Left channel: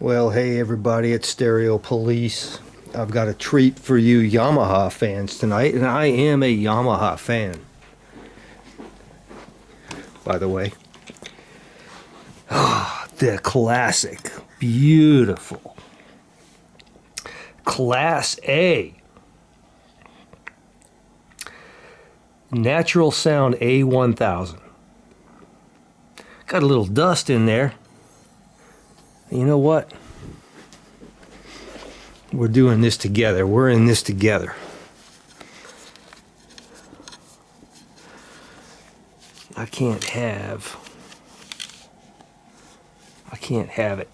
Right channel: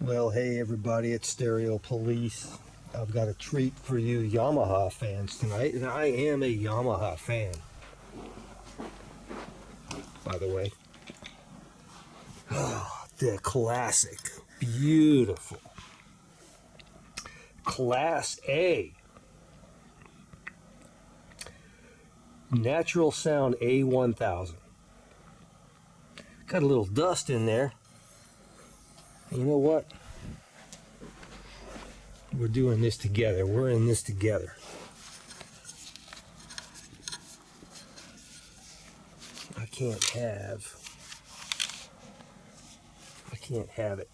Well, hey everybody, it's Stereopolice. I've got a treat for you Yamaha fans tonight, and I am a Yamaha fan, by the way. The classic, beautiful, Class A, Natural Sound A-1000. Got a little dust in there. You know what? We're doing this together. We're in this together. I can't have it.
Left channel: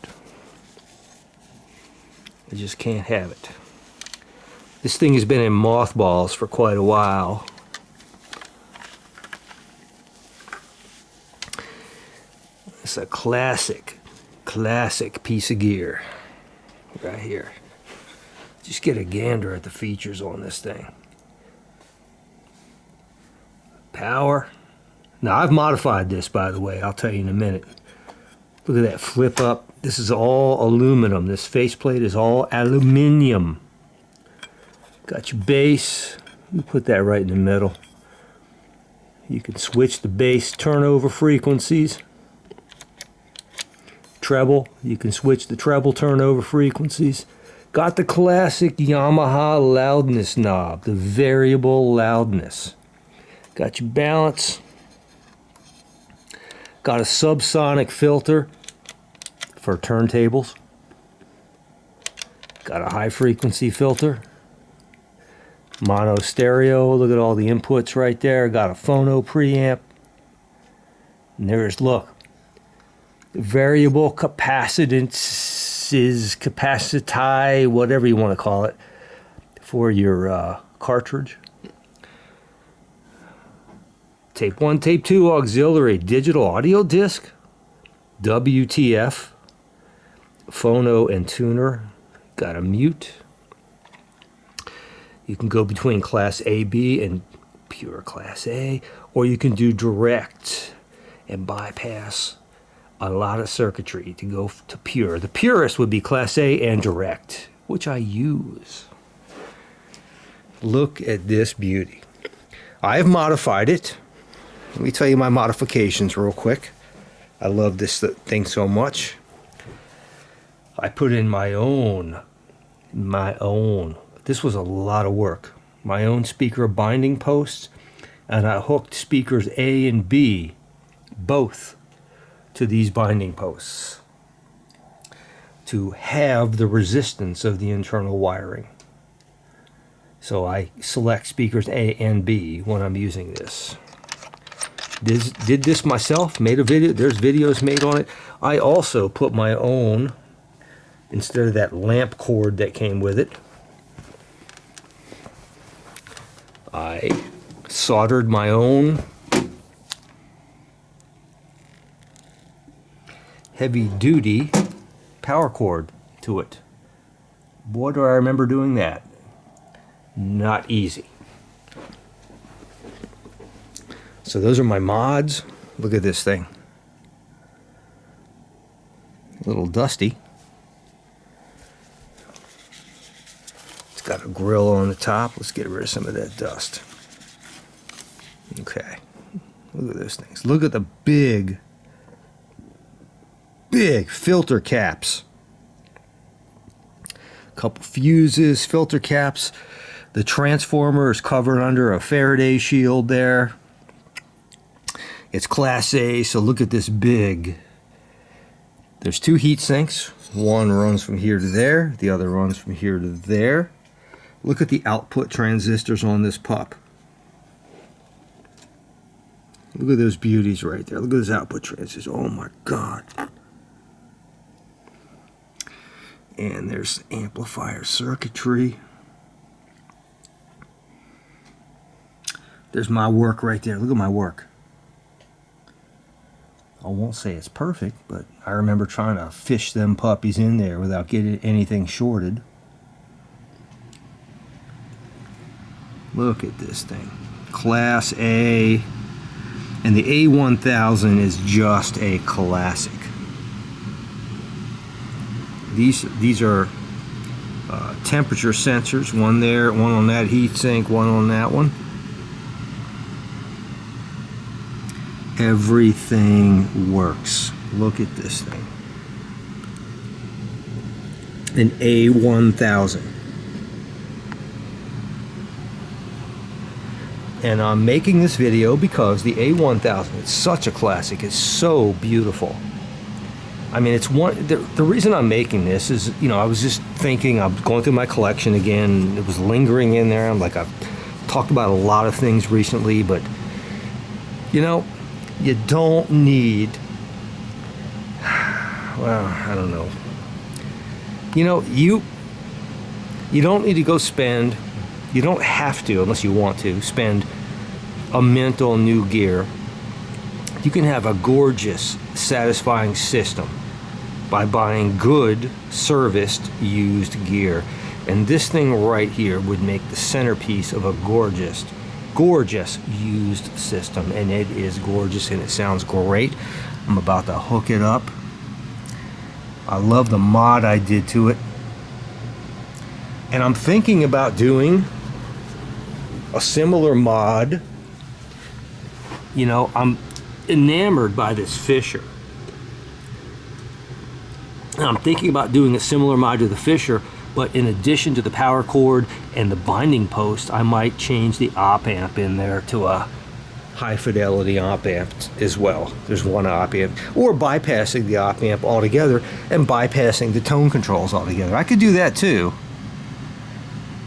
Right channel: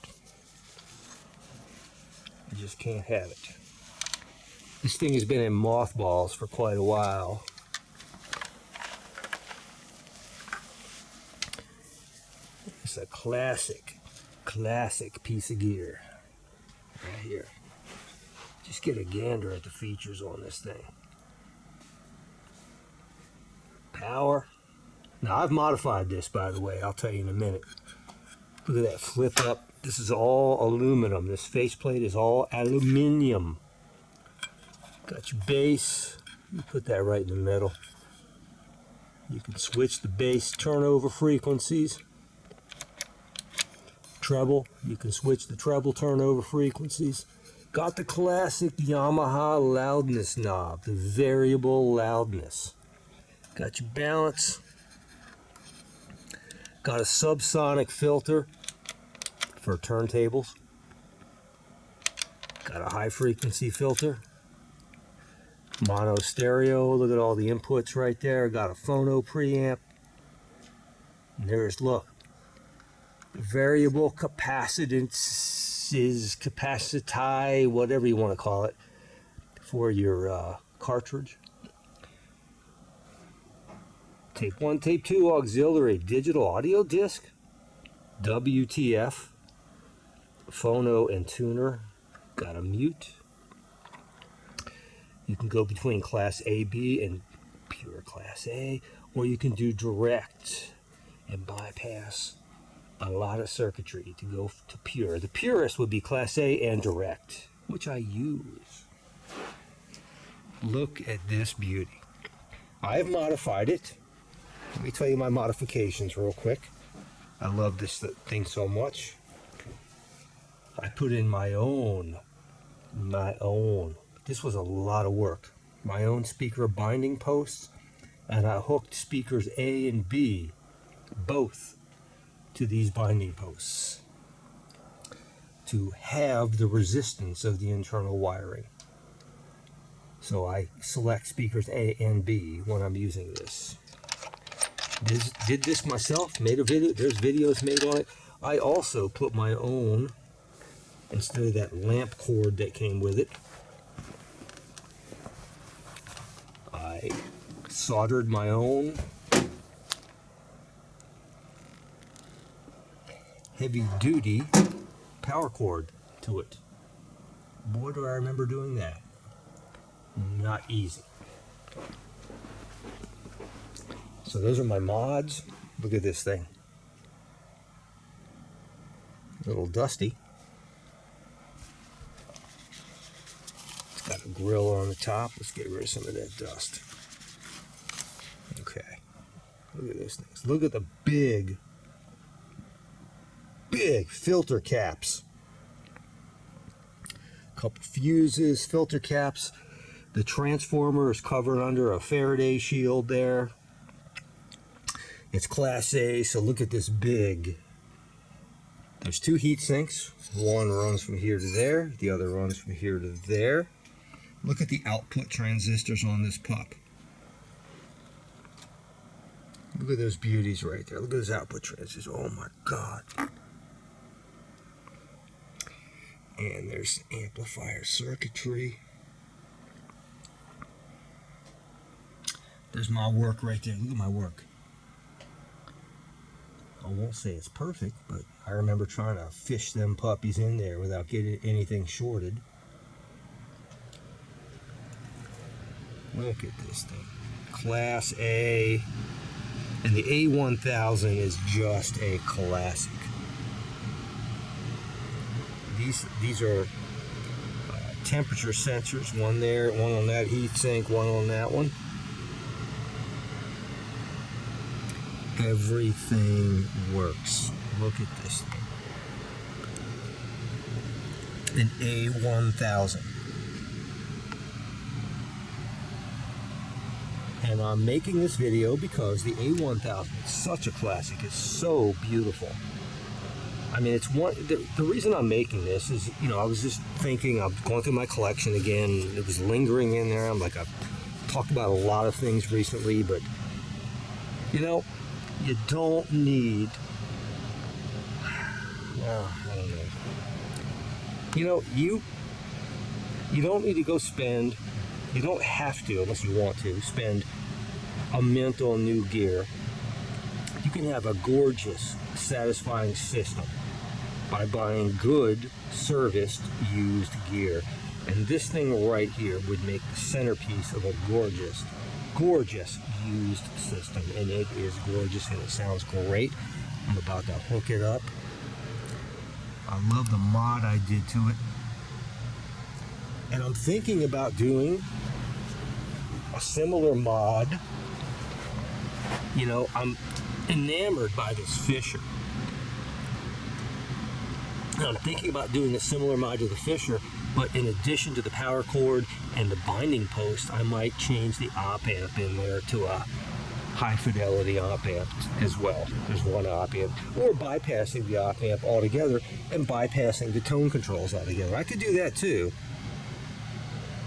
I just can't have it. This thing has been in mothballs for quite a while. It's a classic piece of gear right here. Just get a gander at the features on this thing. Power. Now I've modified this, by the way. I'll tell you in a minute. Look at that flip up. This is all aluminum. This faceplate is all aluminum. Got your bass. You put that right in the middle. You can switch the bass turnover frequencies. Treble, you can switch the treble turnover frequencies. Got the classic Yamaha loudness knob, the variable loudness. Got your balance. Got a subsonic filter for turntables. Got a high frequency filter. Mono stereo, look at all the inputs right there. Got a phono preamp. And there's, look, variable capacitances, capaciti, whatever you want to call it, for your cartridge. Tape 1, Tape 2 auxiliary digital audio disc, WTF, phono and tuner, got a mute. You can go between Class A, B, and pure Class A, or you can do direct and bypass a lot of circuitry to go to pure. The purest would be Class A and direct, which I use. Look at this beauty. I have modified it. Let me tell you my modifications real quick. I love this thing so much. I put in my own. This was a lot of work. My own speaker binding posts, and I hooked speakers A and B, both, to these binding posts to have the resistance of the internal wiring. So I select speakers A and B when I'm using this. Did this myself, made a video. There's videos made on it. I also put my own, instead of that lamp cord that came with it, I soldered my own heavy-duty power cord to it. Boy, do I remember doing that. Not easy. So those are my mods. Look at this thing. A little dusty. It's got a grill on the top. Let's get rid of some of that dust. Okay. Look at those things. Look at the big filter caps. Couple fuses, filter caps. The transformer is covered under a Faraday shield there. It's Class A, so look at this big. There's two heat sinks. One runs from here to there. The other runs from here to there. Look at the output transistors on this pup. Look at those beauties right there. Look at those output transistors. Oh my God. And there's amplifier circuitry. There's my work right there. Look at my work. I won't say it's perfect, but I remember trying to fish them puppies in there without getting anything shorted. Look at this thing. Class A. And the A-1000 is just a classic. These are temperature sensors. One there, one on that heat sink, one on that one. Everything works. Look at this thing. An A-1000. And I'm making this video because the A-1000 is such a classic. It's so beautiful. I mean, it's one. The reason I'm making this is, you know, I was just thinking, I'm going through my collection again. It was lingering in there. I'm like, I've talked about a lot of things recently, but, you know, you don't need, well, I don't know. You know, you don't need to go spend, you don't have to, unless you want to, spend a mint on new gear. You can have a gorgeous, satisfying system by buying good, serviced, used gear. And this thing right here would make the centerpiece of a gorgeous, gorgeous used system. And it is gorgeous and it sounds great. I'm about to hook it up. I love the mod I did to it. And I'm thinking about doing a similar mod. You know, I'm enamored by this Fisher. And I'm thinking about doing a similar mod to the Fisher, but in addition to the power cord and the binding post, I might change the op amp in there to a high fidelity op amp as well. There's one op amp, or bypassing the op amp altogether and bypassing the tone controls altogether. I could do that too.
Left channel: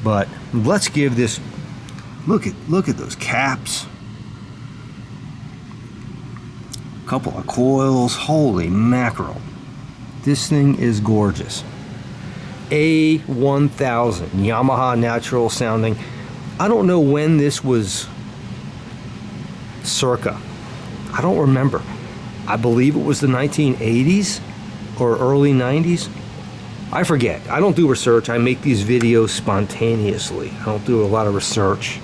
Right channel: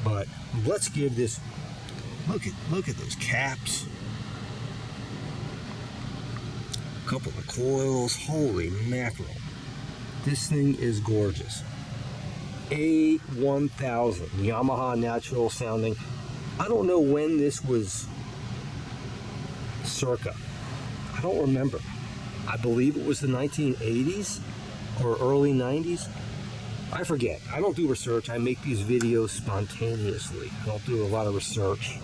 But let's give this, look at those caps. Couple of coils, holy mackerel. This thing is gorgeous. A-1000, Yamaha natural sounding. I don't know when this was circa. I don't remember. I believe it was the 1980s or early 90s. I forget. I don't do research. I make these videos spontaneously. I don't do a lot of research.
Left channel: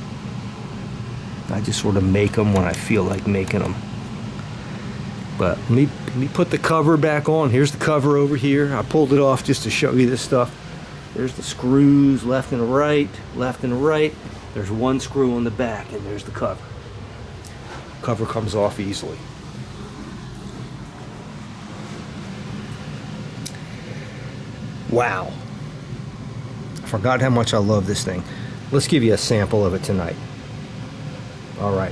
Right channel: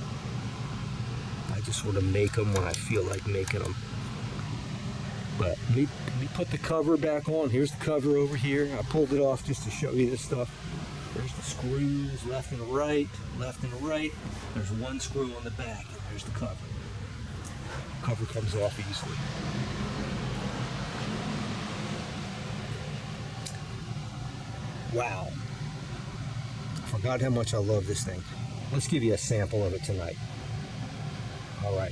I just sort of make them when I feel like making them. But let me put the cover back on. Here's the cover over here. I pulled it off just to show you this stuff. There's the screws left and right, left and right. There's one screw on the back, and there's the cover. Cover comes off easily. Wow. I forgot how much I love this thing. Let's give you a sample of it tonight. All right.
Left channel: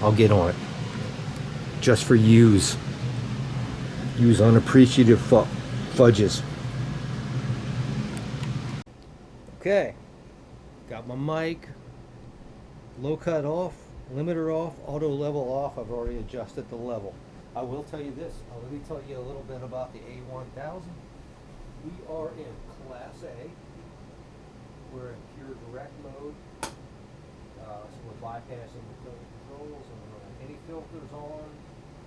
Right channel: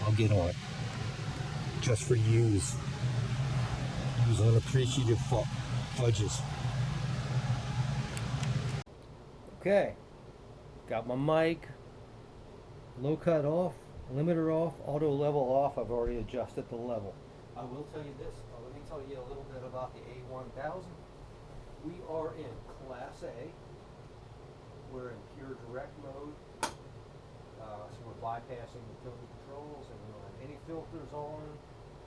I'll get on it. Just for use unappreciative fudges. Okay, got my mic, low cut off, limiter off, auto level off. I've already adjusted the level. I will tell you this, let me tell you a little bit about the A-1000. We are in Class A. We're in pure direct mode. So we're bypassing the filter controls and we don't have any filters on.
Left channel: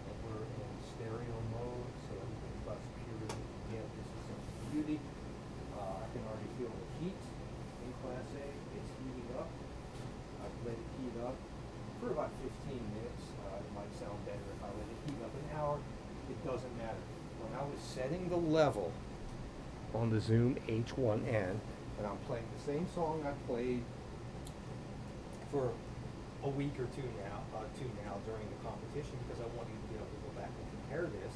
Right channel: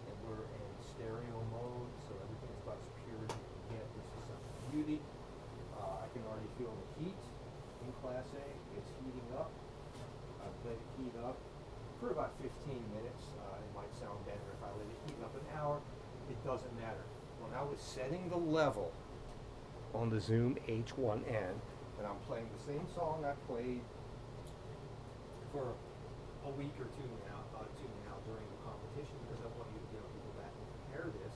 And we're in stereo mode, so everything's about as pure as you can get. This is some beauty. I can already feel the heat in Class A. It's heating up. I've let it heat up for about 15 minutes. It might sound better if I let it heat up an hour. It doesn't matter. When I was setting the level on the Zoom H1N, and I'm playing the same song I played for a week or two now, during the competition, because I wanted you to be able to go back and compare this,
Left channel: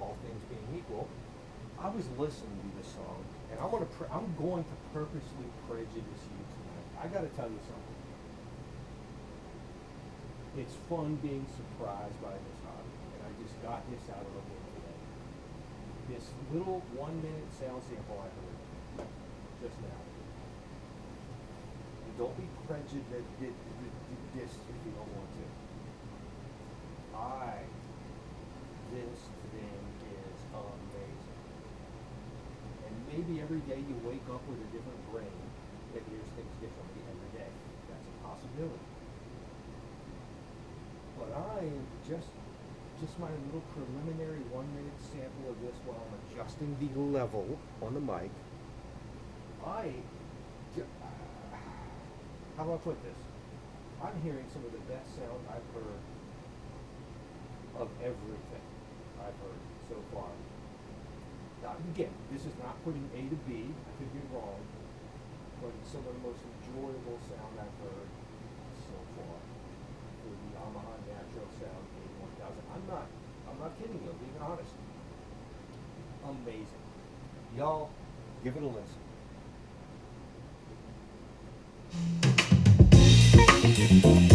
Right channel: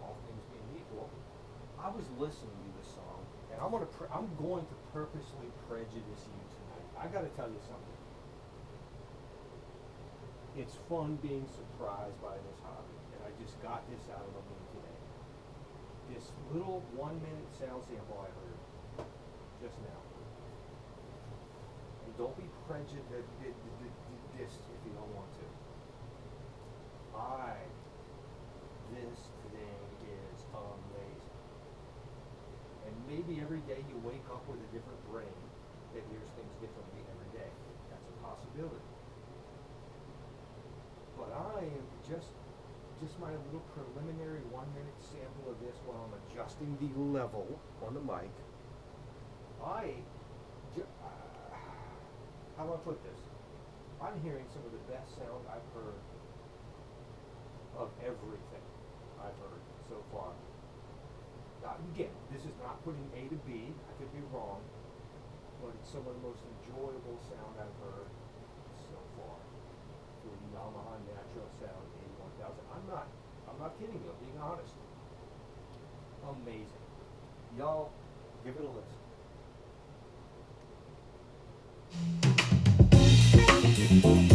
all things being equal. I was listening to this song, and I'm going to purposely prejudice you tonight. I got to tell you something. It's fun being surprised by this hobby, and I just got this out of the wind today. This little 1-minute sound sample I heard just now. And don't be prejudiced if you don't want to. This thing is amazing. And maybe every day you wake up with a different brain that hears things differently every day. That's a possibility. But I am just my little preliminary 1-minute sample of this while I'm adjusting the level on the mic. How do I put this? I'm hearing some of the best sound I've heard of everything I've heard so far. again, this is not putting A to B. I could be wrong, but it's some of the most enjoyable sound I've heard so far for the Yamaha Natural Sound A-1000. I'm not kidding you. I'm being honest. Amazing. Y'all, give it a listen.